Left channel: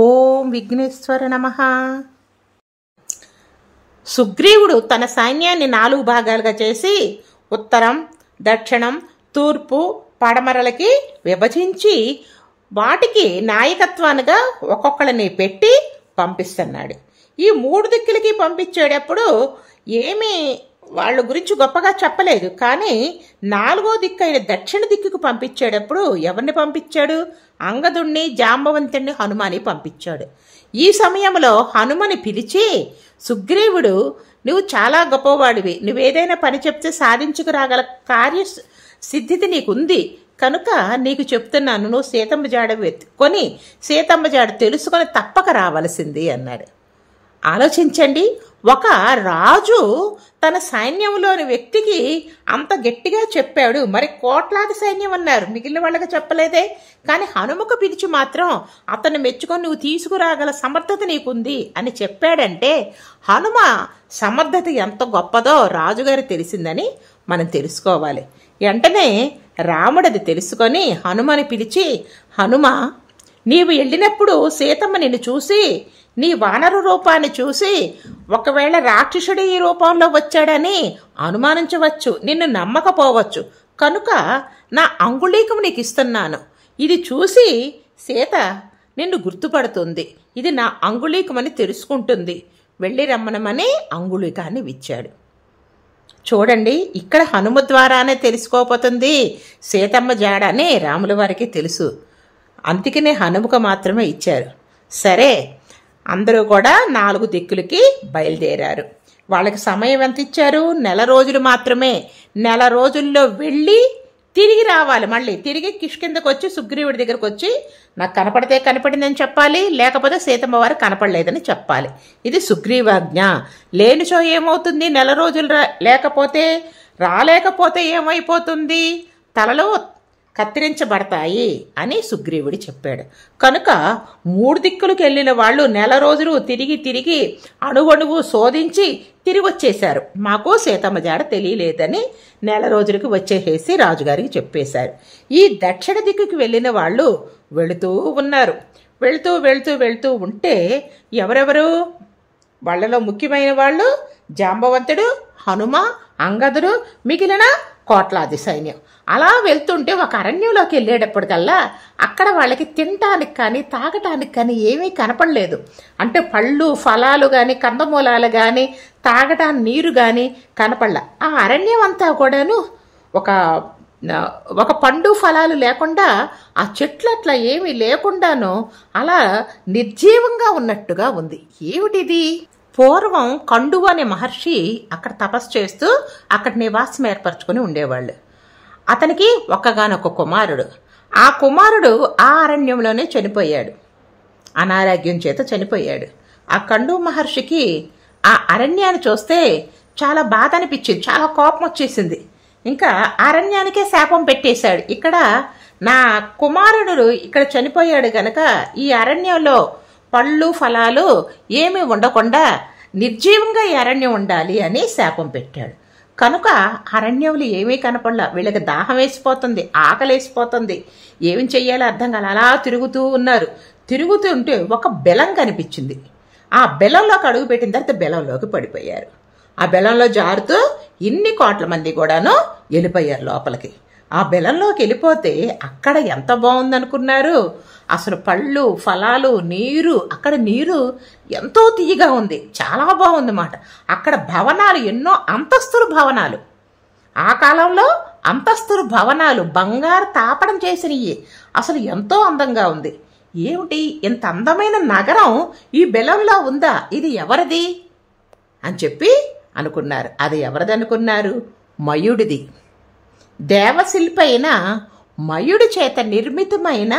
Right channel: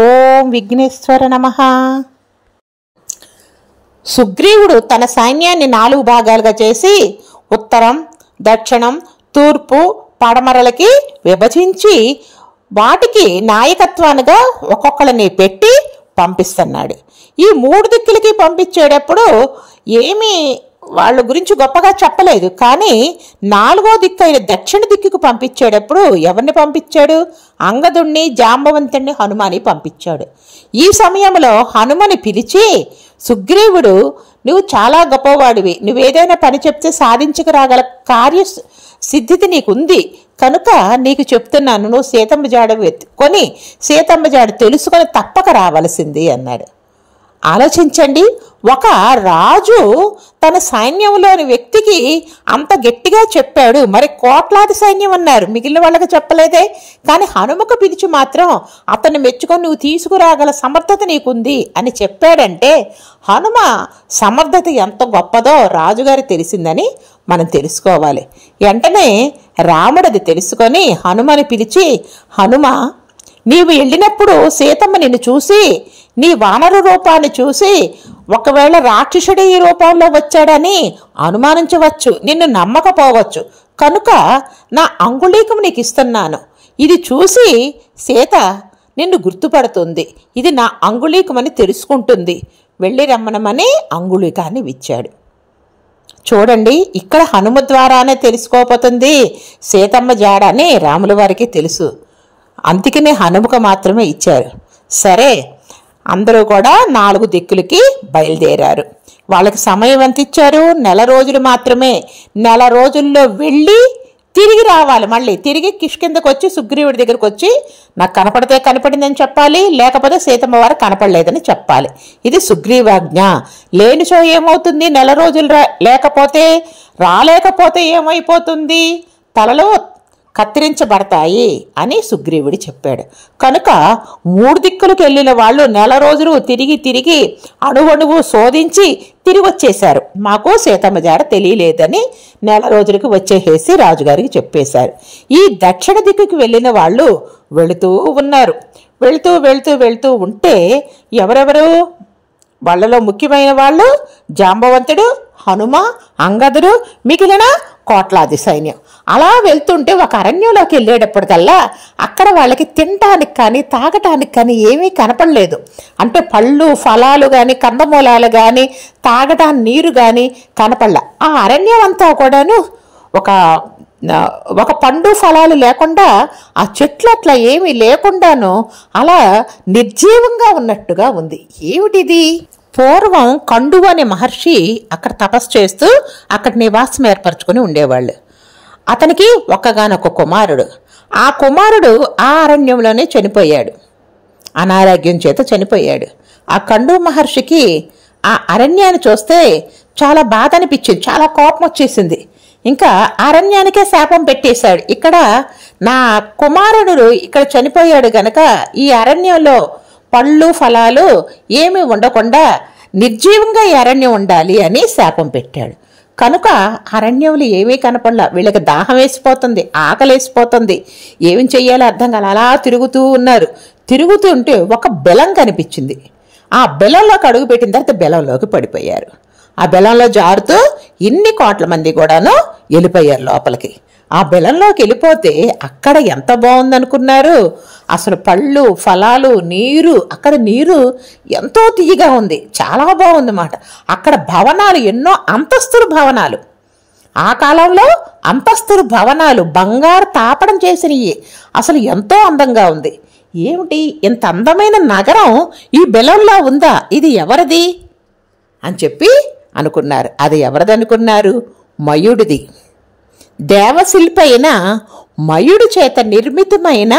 ఓం విఘ్నేశ్వర నమః. సుగ్రీవుడు తన సైన్యాన్ని 4 భాగాలుగా చేసి ఉత్తరం, దక్షిణం, తూర్పు, పడమరలకి విభజించి వాటికి నాయకత్వాలుగా ఒక్కొక్కరిని పెట్టి పంపిస్తున్నాడు. ఈ 3 దిక్కులకి పంపించేటప్పుడు ఏమీ వాళ్ళ గురించి గొప్పగా చెప్పలేదు. కానీ 4వ దిక్కు అయిన దక్షిణ దిక్కుకు పంపించేటప్పుడు ఎవరిని పంపించాడు? అంగదుణ్ణి, జాంబవంతుణ్ణి, హనుమాని పంపించాడు. ఈ సమయంలో హనుమని పిలిచి, సుగ్రీవుడు నువ్వు చాలా గొప్పవాడివి, నువ్వేదైనా పని చెప్తే సాధించుకురాగల కార్య సిద్ధితి నీకుంది కనుక నీకు చెప్తున్నాను, నువ్వు సీతమ్మ జాడ వెతుక్కొని సీతమ్మ జాడ తెలుసుకొని తప్పక రావలసింది అన్నాడు. ఆలోచించండి, ఒక రాజు తన సైన్యంలోని వ్యక్తికి అంత గట్టిగా చెప్పాడు, మరి కోట్లాది సైన్యం ఉన్నారు, మిగిలిన వాళ్ళకి చెప్పలేదే. కానీ హనుమకు పిలిచి మాత్రం అతన్ని మెచ్చుకొని నువ్వు తీసుకురాగల సమర్థత నీకుంది అని చెప్పాడంటే హనుమ సమర్థత ఎంత గొప్పదో రాజుగారు తెలిసిందని మనం తెలుసుకోవాలి. వెంటనే రాముడది తెలుసుకొని హనుమని పిలిచి, హనుమ నీవు వెళ్ళినప్పుడు సీతమ్మ నిన్ను చూసి నీ వానర రూపాన్ని చూసి ఒకవేళ రాక్షసుడు ఈ రూపంలో వచ్చాడని అనుమానించవచ్చు, నిన్ను నమ్మకపోవచ్చు. కనుక నా అంగుళీకం నీకు ఇస్తున్నాను. ఇది చూసి సీత నిన్ను గుర్తుపడుతుంది, ఇది నా అంగుళీకమని తెలుసుకుంటుంది, వెళ్ళి రమ్మనమని అంగుళీకాన్ని ఇచ్చాడు. చూడండి, ఇక్కడ హనుమ ద్వారానే తెలుసుకోపోతుంది సీతమ్మ జాడ అని రాముల వారికి తెలుసు. అందుకనే హనుమకు మాత్రమే ఇచ్చారు. సరే, అందరూ కూడా 4 దిక్కులకి బయలుదేరారు. వాళ్ళకి సమయం ఎంత ఇచ్చారు? 1 నెల రోజులు మాత్రమే. 1 నెల రోజుల్లో వెళ్ళి తిరిగి రావాలి. మళ్ళీ తిరిగి కిష్కిందకు వచ్చి సుగ్రీవుడి దగ్గరకు వచ్చి నాకు కనపడితే కనపడిందని చెప్పాలి, లేకపోతే సీతమ్మ వారు కనపడలేదని చెప్పాలి. ఇది సుగ్రీవాజ్ఞ. లేనిచో ఏమవుతుంది? 1 నెల రోజులు రాలేకపోతే ఏమైపోతుంది? తలలో కత్తిరించబడతాయి అని సుగ్రీవుడు చెప్పాడు. కనుక 3 దిక్కులకు వెళ్ళిన వాళ్ళు 1 నెల రోజులు తిరిగి అణువణువు శోధించి తిరిగి వచ్చేశారు. మాకు సీతమ్మ జాడ తెలియలేదని 1 నెల రోజులకి వచ్చేసేసి రాజుగారికి చెప్పేశారు. ఈ దక్షిణ దిక్కుకు వెళ్ళిన వాళ్ళు వెళుతూ ఉన్నారు. వెళుతూ ఉంటే ఎవరెవరు? వాళ్ళలో ముఖ్యమైన వాళ్ళు జాంబవంతుడు, హనుమ, అంగదుడు, మిగిలిన కోట్లాది సైన్యం. అలా వెళ్తుంటే ఒక అరణ్యంలోకి వెళ్ళేటప్పటికల్లా అక్కడ వాళ్ళకి తినటానికి కానీ తాగటానికి కానీ ఏమీ కనపడలేదు. అంటే పళ్ళు, ఫలాలు కానీ, కందమూలాలు కానీ, తాగటానికి నీరు కానీ కనపడలే. ఆ అరణ్యం అంతా కూడాను ఒక పండు ఫలాలు లేకుండా, ఆ చెట్లు అట్లా ఏమీ లేకుండాను అలా నిర్జీవంగా ఉన్నట్టుగా ఉంది. ఏమిటిది? పూర్వం కండువు అనే మహర్షి అక్కడ తపస్సు చేస్తూ అక్కడ నివాసం ఏర్పరచుకుని ఉండేవాళ్ళు. అతనికి ఒక్కగానొక్క కుమారుడు. ఆ కుమారుడు ఆ అరణ్యంలోనే చనిపోయాడు, అనారోగ్యం చేత చనిపోయాడు. ఆ కండువు మహర్షికి ఆ అరణ్యాన్ని చూస్తే చాలా బాధ అనిపించింది, చాలా కోపం వచ్చేసింది. ఇంకా అరణ్యానికే శాపం పెట్టేశాడు. ఇక్కడ నా కుమారుడు ఇక్కడ చనిపోయాడు గనక ఈ అరణ్యంలో పళ్ళు ఫలాలు ఏమీ ఉండకుండా నిర్జీవంగా ఈ అరణ్యం ఉండాలి అని శాపం పెట్టాడు. కనుక అరణ్యంలో ఏమీ కనపడలా. వీళ్ళకి దాహం వేసిపోతుంది, ఆకలి వేసిపోతుంది, ఏమి చెయ్యాలో అర్థం కాల. అలా తిరుగుతూ ఉన్నారు. తిరుగుతుంటే ఒక బెలం కనిపించింది. ఆ బెలంలోకి అడుగు పెట్టిన తర్వాత బెలంలోకి పడిపోయారు. ఆ బెలంలో జారుతూ ఇన్ని కోట్ల మంది కూడాను వెళ్ళిపోయారు లోపలికి. ఆ బెలంలోకి వెళ్ళిపోతే అక్కడ ఎంత బాగుందనుకున్నారు? అసలు పళ్ళు, ఫలాలు, నీరు, అక్కడ నీరు ఎంతో తీయగా ఉంది, చాలా బాగుందన్నమాట. అక్కడ భవనాలు, ఎన్నో అంతస్తుల భవనాలు, ఆ కాలంలో అంతస్తుల భవనాలు బంగారు తాపడం చేసినవి. అసలు ఎంతో అందంగా ఉంది. ఏమిటి ఇంత అందమైన నగరం ఈ బెలంలో ఉందా? ఇది ఎవరిది అని చెప్పి అనుకున్నారు. అది ఎవరిది అనుకున్నారు? మయుడిది. దేవశిల్పి అయిన మయుడి చేత నిర్మితమైన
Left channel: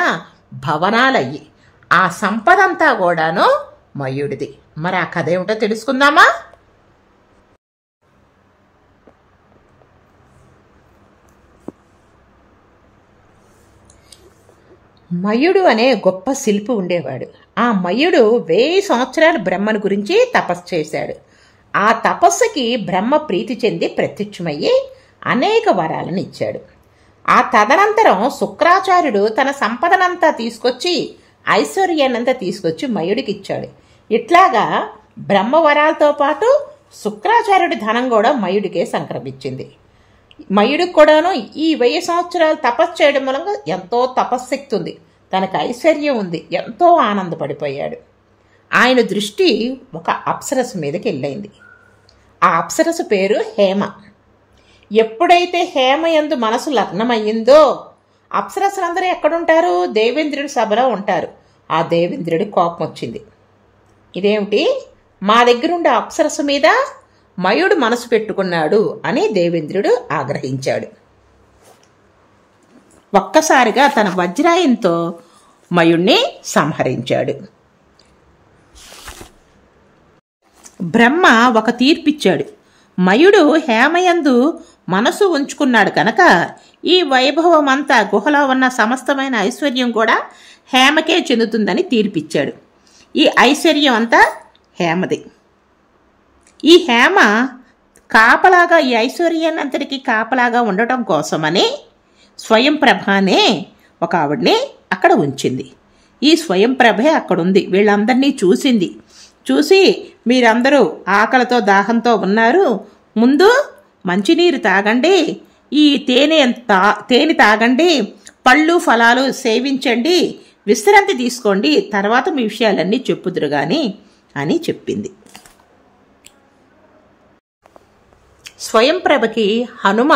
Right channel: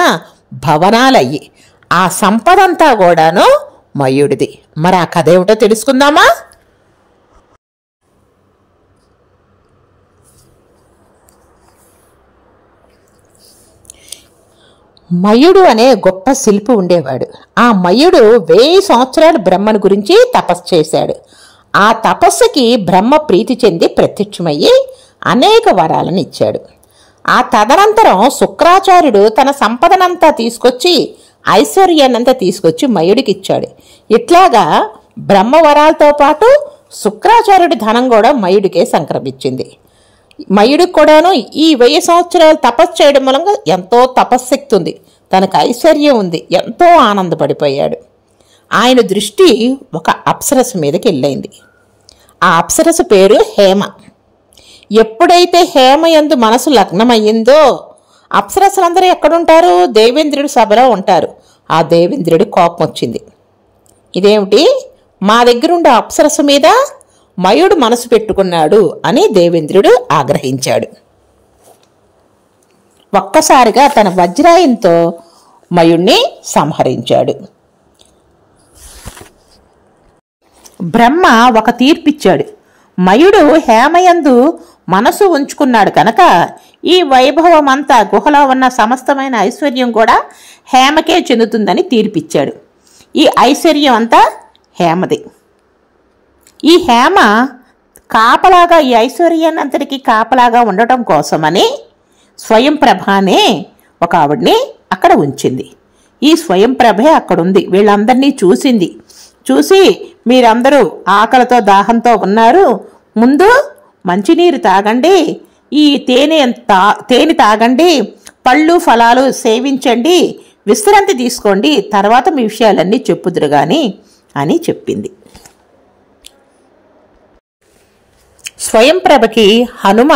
భవనాలయ్యి. ఆ సంపదంతా కూడాను మయుడిది. మరి ఆ కథ ఏమిటో తెలుసుకుందామా? మయుడు అనే గొప్ప శిల్పి ఉండేవాడు. ఆ మయుడు 1000 సంవత్సరాలు బ్రహ్మను గురించి తపస్సు చేశాడు. ఆ తపస్సుకి బ్రహ్మ ప్రీతి చెంది ప్రత్యక్షమయ్యి అనేక వరాలను ఇచ్చాడు. ఆ తదనంతరం శుక్రాచార్యుడు తన సంపదనంతా తీసుకొచ్చి ఐశ్వర్యాన్నంతా తీసుకొచ్చి మయుడికి ఇచ్చాడు. ఇట్లాగా బ్రహ్మవరాలతో పాటు శుక్రాచార్యుడి ధనం కూడా మయుడికే సంక్రమించింది. మయుడికి కూడాను ఈ 1000 సంవత్సరాలు తపస్సు చేయడం మూలంగా ఎంతో తపశ్శక్తి ఉంది, తనకు ఐశ్వర్యం ఉంది, ఎంతో ఆనందపడిపోయాడు. ఆయన దృష్టి ఒక అప్సరస మీదకి వెళ్ళింది. ఆ అప్సరస పేరు హేమ. ఎప్పుడైతే హేమ యందు మనసు లగ్నమయ్యిందో, అప్సరసలందరూ ఎక్కడుంటారు? దేవేంద్రుడి సభలో ఉంటారు. ఆ దేవేంద్రుడి కోపం వచ్చింది. ఇదేమిటి, మా దగ్గరుండే అప్సరస మీద మయుడు మనసు పెట్టుకున్నాడు అని దేవేంద్రుడు ఆగ్రహించాడు. ఒక్కసారిగా తన వజ్రాయంతో మయుణ్ణి సంహరించాడు. బ్రహ్మ ఒక తీర్పిచ్చాడు. మయుడు హేమయందు మనసు ఉంచుకున్నాడు కనుక ఈ వైభవం అంతా, గుహలో ఉన్న సమస్తమైన ఐశ్వర్యం కూడా హేమకే చెందుతుందని తీర్పిచ్చాడు. ఈ ఐశ్వర్యం అంతా హేమది. ఈ హేమ కాపలాగా, ఈ ఐశ్వర్యాన్నంతటికీ కాపలాగా ఉండటం కోసమని స్వయంప్రభ అనే ఒక ఆవిడ్ని అక్కడ ఉంచింది. ఈ స్వయంప్రభే అక్కడుంది, వీళ్ళందరినీ చూసింది. చూసి, మీరందరూ ఆకలితో దాహంతో ఉన్నారు, ముందు మంచినీరు తాగండి, ఈ తేనె తాగండి, పళ్ళు ఫలాలు సేవించండి, విశ్రాంతి తీసుకోండి, తర్వాత మీ విషయాలన్నీ చెప్పుదురు గాని అని చెప్పింది. స్వయంప్రభకి హనుమ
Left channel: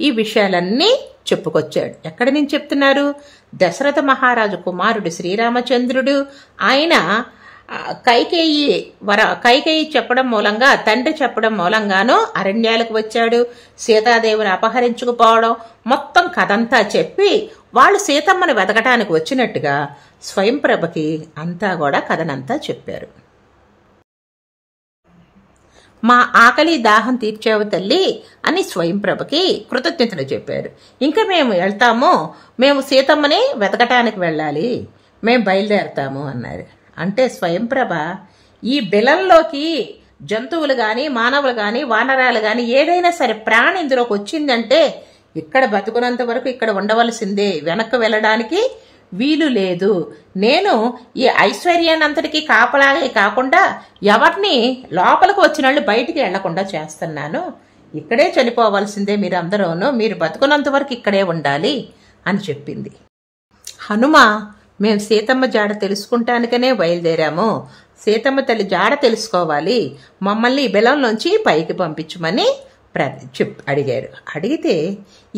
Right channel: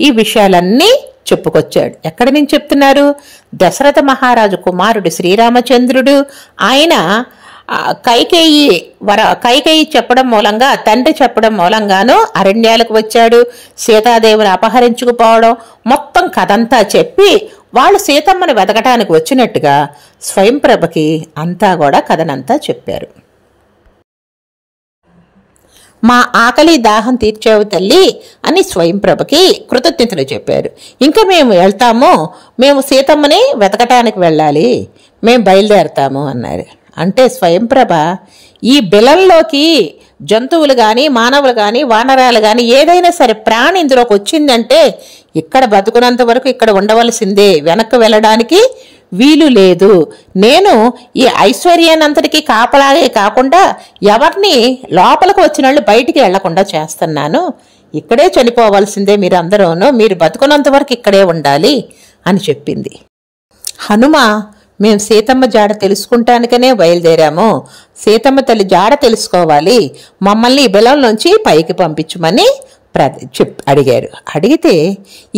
ఈ విషయాలన్నీ చెప్పుకొచ్చాడు. ఎక్కడి నుంచి చెప్తున్నారు? దశరథ మహారాజు కుమారుడు శ్రీరామచంద్రుడు, ఆయన కైకేయి చెప్పడం మూలంగా, తండ్రి చెప్పడం మూలంగానూ అరణ్యాలకు వచ్చాడు. సీతాదేవిని అపహరించుకుపోవడం, మొత్తం కథంతా చెప్పి వాళ్ళు సీతమ్మను వెతకటానికి వచ్చినట్టుగా స్వయంప్రభకి అంతా కూడా కథనంతా చెప్పారు. మా ఆకలి దాహం తీర్చావు తల్లి అని స్వయంప్రభకి కృతజ్ఞతలు చెప్పారు. ఇంకా మేము వెళ్తాము, మేము సీతమ్మని వెతకటానికి వెళ్ళాలి, మేము బయలుదేరతాము అన్నారు. అంటే స్వయంప్రభ ఈ బిలంలోకి జంతువులు కానీ, మానవులు కానీ, వానరాలు కానీ, ఏదైనా సరే ప్రాణి ఇందులోకి వచ్చిందంటే ఇక్కడ బతుకున్నంత వరకు ఇక్కడ ఉండవలసిందే, వెనక్కి వెళ్ళడానికి వీలు లేదు. నేను ఈ ఐశ్వర్యాన్నంతటికీ కాపలాగే కాకుండా ఎవరిని లోపలికి వచ్చిన వాళ్ళు బయటికి వెళ్లకుండా చేస్తున్నాను, ఇక్కడే చనిపోవలసిందే మీరందరూను, మీరు బతుకున్నంత వరకు ఇక్కడే ఉండాలి అని చెప్పింది. హనుమ, మేము సీతమ్మ జాడ తెలుసుకుంటానికనే బయలుదేరాము, సీతమ్మ తల్లి జాడ తెలుసుకోవాలి, మమ్మల్ని ఈ బిలంలోంచి పైకి పంపించమని అడిగారు. అడిగితే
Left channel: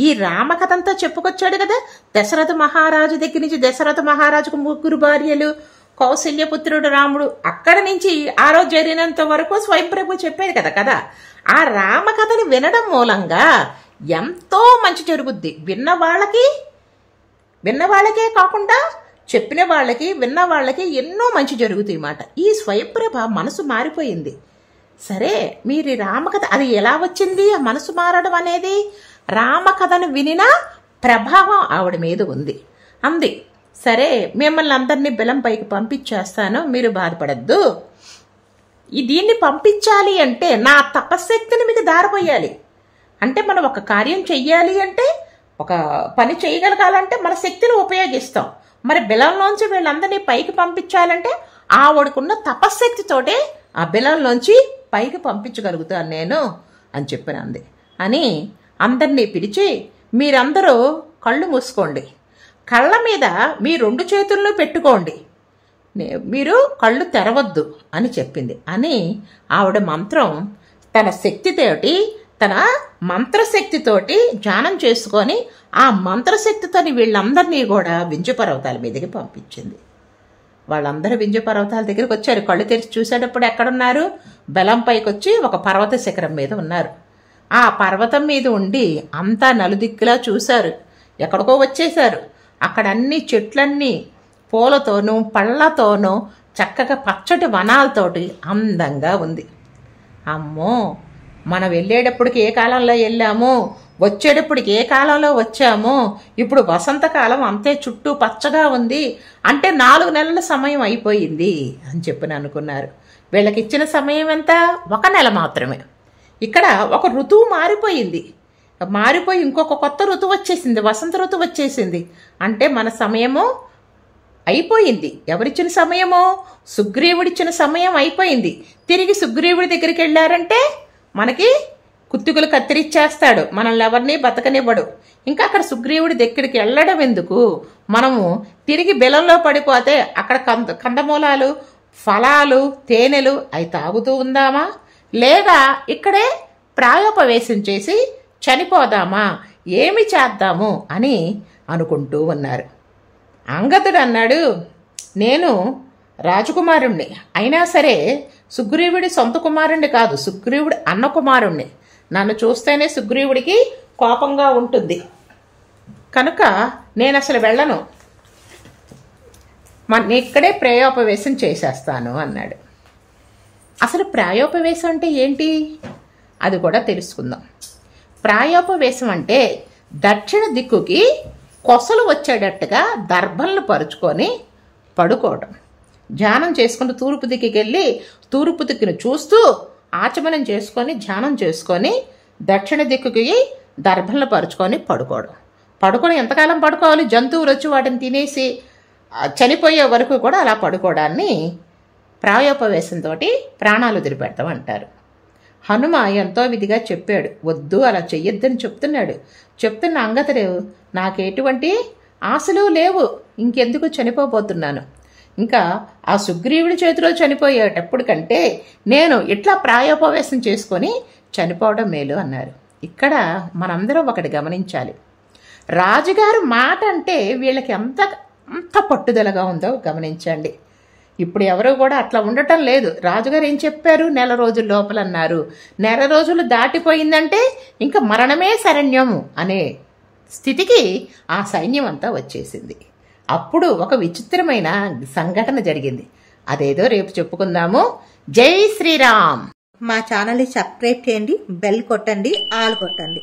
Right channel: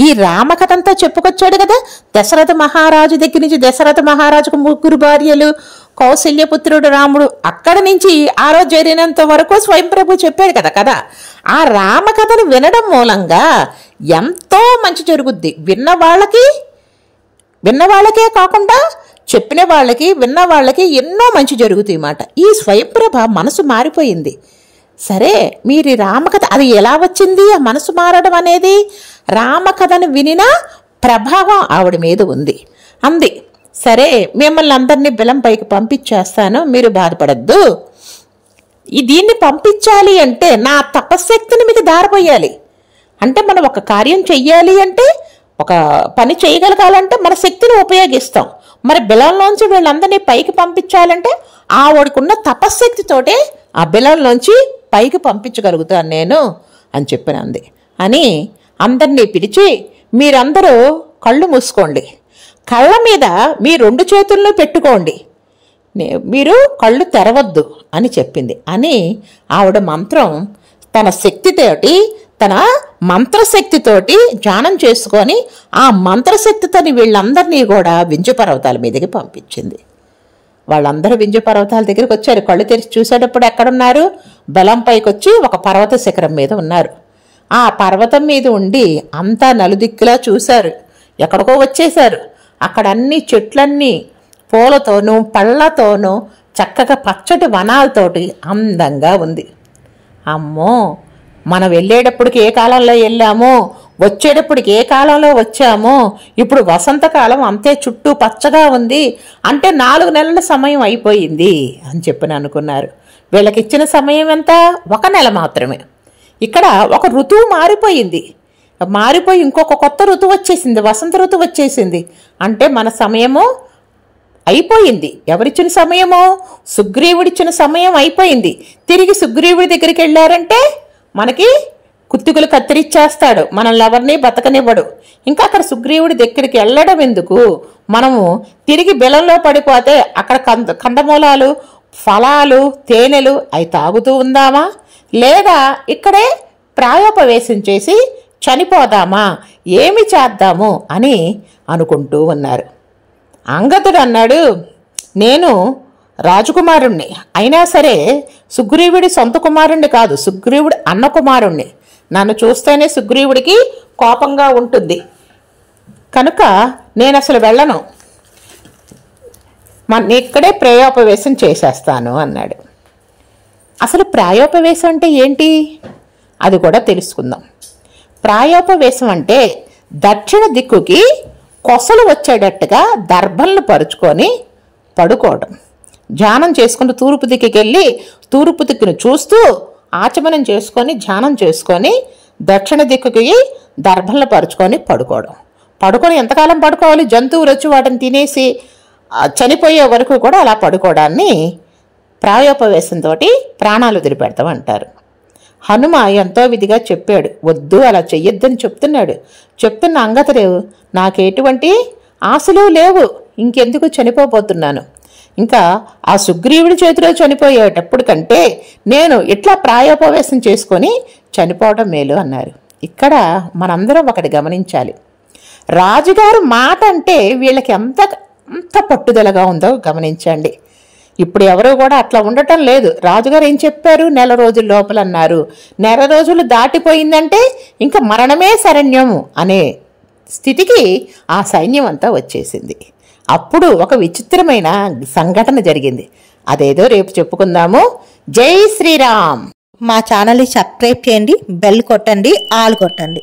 ఈ రామకథంతా చెప్పుకొచ్చాడు కదా. దశరథ మహారాజు దగ్గర నుంచి, దశరథ మహారాజుకు 3 భార్యలు, కౌశల్యపుత్రుడు రాముడు, అక్కడి నుంచి ఆ రోజు జరిగినంత వరకు స్వయంప్రభు చెప్పాడు కదా కదా. ఆ రామకథను వినడం మూలంగా ఎంతో మంచి జరుగుద్ది. విన్నవాళ్ళకే కాకుండా చెప్పిన వాళ్ళకి, విన్న వాళ్ళకి ఎన్నో మంచి జరుగుతాయి మాట. ఈ స్వయంప్రభ మనసు మారిపోయింది. సరే, మీరు రామకథ అది ఎలా వచ్చింది? ఆ మనసు మారడం అనేది రామకథను వినిన ప్రభావం ఆవిడ మీద ఉంది అంది. సరే, మిమ్మల్ని అందరినీ బిలం పైకి పంపించేస్తాను, మీరు బాధపడద్దు. దీన్ని పంపించాలి అంటే నా తపశ్శక్తిని మీకు దారిపోయాలి. అంటే మనం ఒక కార్యం చెయ్యాలి అంటే, ఒక పని చేయగలగాలంటే మన శక్తిని ఉపయోగిస్తాం. మరి బిలంలోంచి వీళ్ళందరినీ పైకి పంపించాలంటే ఆవిడకున్న తపశ్శక్తితోటే ఆ బిలంలోంచి పైకి పంపించగలుగుతాను నేను అని చెప్పినంది. అని అందరినీ పిలిచి, మీరందరూ కళ్ళు మూసుకోండి, కళ్ళ మీద మీ 2 చేతుల్లో పెట్టుకోండి, మీరు కళ్ళు తెరవద్దు అని చెప్పింది. అని ఆవిడ మంత్రం తన శక్తితోటి, తన మంత్రశక్తితోటి ధ్యానం చేసుకొని ఆ మంత్రశక్తితోని వీళ్ళందరినీ కూడా వింజ పర్వతాల మీదకి పంపించింది. వాళ్ళందరూ వింజ పర్వతాల దగ్గరికి వచ్చారు. కళ్ళు తెరిచి చూసేటప్పుడు ఎక్కడున్నారు? బలం పైకి వచ్చి ఒక పర్వత శిఖరం మీద ఉన్నారు. ఆ పర్వతం మీద ఉండి అంతా నలుదిక్కులా చూశారు. ఎక్కడికో వచ్చేశారు. అక్కడ అన్ని చెట్లన్నీ పూలతోనూ పళ్ళతోనూ చక్కగా పచ్చటి వనాలతోటి అందంగా ఉంది. అమ్మో, మనం వెళ్ళేటప్పటికి ఏ కాలంలో వెళ్ళామో, వచ్చేటప్పటికి ఏ కాలంలో వచ్చామో, ఇప్పుడు వసంతకాలం అంతే చుట్టూ పచ్చగా ఉంది అంటే 4 నెలల సమయం అయిపోయింది అని చెప్పని అనుకున్నారు. వీళ్ళకి ఇచ్చిన సమయం ఎంత? 1 నెల మాత్రమే. ఇక్కడ ఒక ఋతువు మారిపోయింది. మారిపోయి ఇంకొక కొత్త ఋతువు వచ్చేసింది, వసంత ఋతువు వచ్చేసింది. అంటే మన సమయము అయిపోయింది. ఎవరిచ్చిన సమయమో? సుగ్రీవుడిచ్చిన సమయం అయిపోయింది. తిరిగి సుగ్రీవుడి దగ్గరికి వెళ్ళారంటే మనకి కుత్తుకులు కత్తిరిచ్చేస్తాడు, మనల్ని ఎవరిని బతకనివ్వడు. ఇంకా అక్కడ సుగ్రీవుడి దగ్గరికి వెళ్ళడం ఎందుకు? మనము తిరిగి బెలంలో పడిపోతే అక్కడ కందమూలాలు, ఫలాలు, తేనెలు అవి తాగుతూ ఉందామా, లేదా ఇక్కడే ప్రాయోపవేశం చేసి చనిపోదామా, ఏమి చేద్దాము అని అనుకుంటూ ఉన్నారు. అంగదుడు అన్నాడు, నేను రాజకుమారుణ్ణి, అయినా సరే సుగ్రీవుడి సొంత కుమారుణ్ణి కాదు, సుగ్రీవుడి అన్న కుమారుణ్ణి. నన్ను చూస్తేనే సుగ్రీవుడికి కోపంగా ఉంటుంది, కనుక నేను అసలు వెళ్ళను, ఇక్కడే ప్రాయోపవేశం చేసేస్తాను అన్నాడు. అసలు ప్రాయోపవేశం అంటే ఏంటి అది కూడా తెలుసుకుందాం. ప్రాయోపవేశం అంటే దక్షిణ దిక్కుకి కొసలు వచ్చేటట్టుగా దర్భలను పరుచుకొని పడుకోవడం. ధ్యానం చేసుకుని తూర్పు దిక్కుకి వెళ్ళి తూర్పు దిక్కును చూస్తూ ఆచమనం చేసుకొని ధ్యానం చేసుకొని దక్షిణ దిక్కుకి దర్భలను పరుచుకొని పడుకొని ఎంతకాలం పడుకోవాలి? జంతువులు వచ్చి వాటిని తినేసి చనిపోయే వరకు కూడా అలా పడుకోవడాన్ని ప్రాయోపవేశంతో ప్రాణాలు వదిలిపెడతాం అంటారు. హనుమ ఎంతో విధిగా చెప్పాడు, వద్దు అలా చెయ్యొద్దని చెప్తున్న అంగదుడు, నాకెటువంటి ఆశలు లేవు, ఇంకెందుకు చనిపోబోతున్నాను, ఇంకా ఆ సుగ్రీవుడి చేతిలో చనిపోయేటప్పుడు కంటే నేను ఇట్లా ప్రాయోపవేశం చేసుకొని చనిపోవడం మేలు అన్నారు. ఇక్కడ మనందరం ఒకటి గమనించాలి, రాజుగారు మాట అంటే వీళ్ళకి ఎంత పట్టుదలగా ఉందో గమనించండి. ఇప్పుడు ఎవరు కూడా అట్లా ఉండటం లేదు. రాజుగారు ఏం చెప్పారు? నెల రోజుల లోపల అన్నారు. నెల రోజులు దాటిపోయిందంటే ఇంకా మరణమే శరణ్యము అనే స్థితికి ఆ సైన్యం అంతా వచ్చేసింది. అప్పుడు ఒక విచిత్రమైన సంఘటన జరిగింది. అదేదో రేపు చెప్పుకుందాము. జై శ్రీరామ్. మా ఛానల్ని సబ్స్క్రైబ్ చేయండి, బెల్ కొట్టండి, ఆల్ కొట్టండి.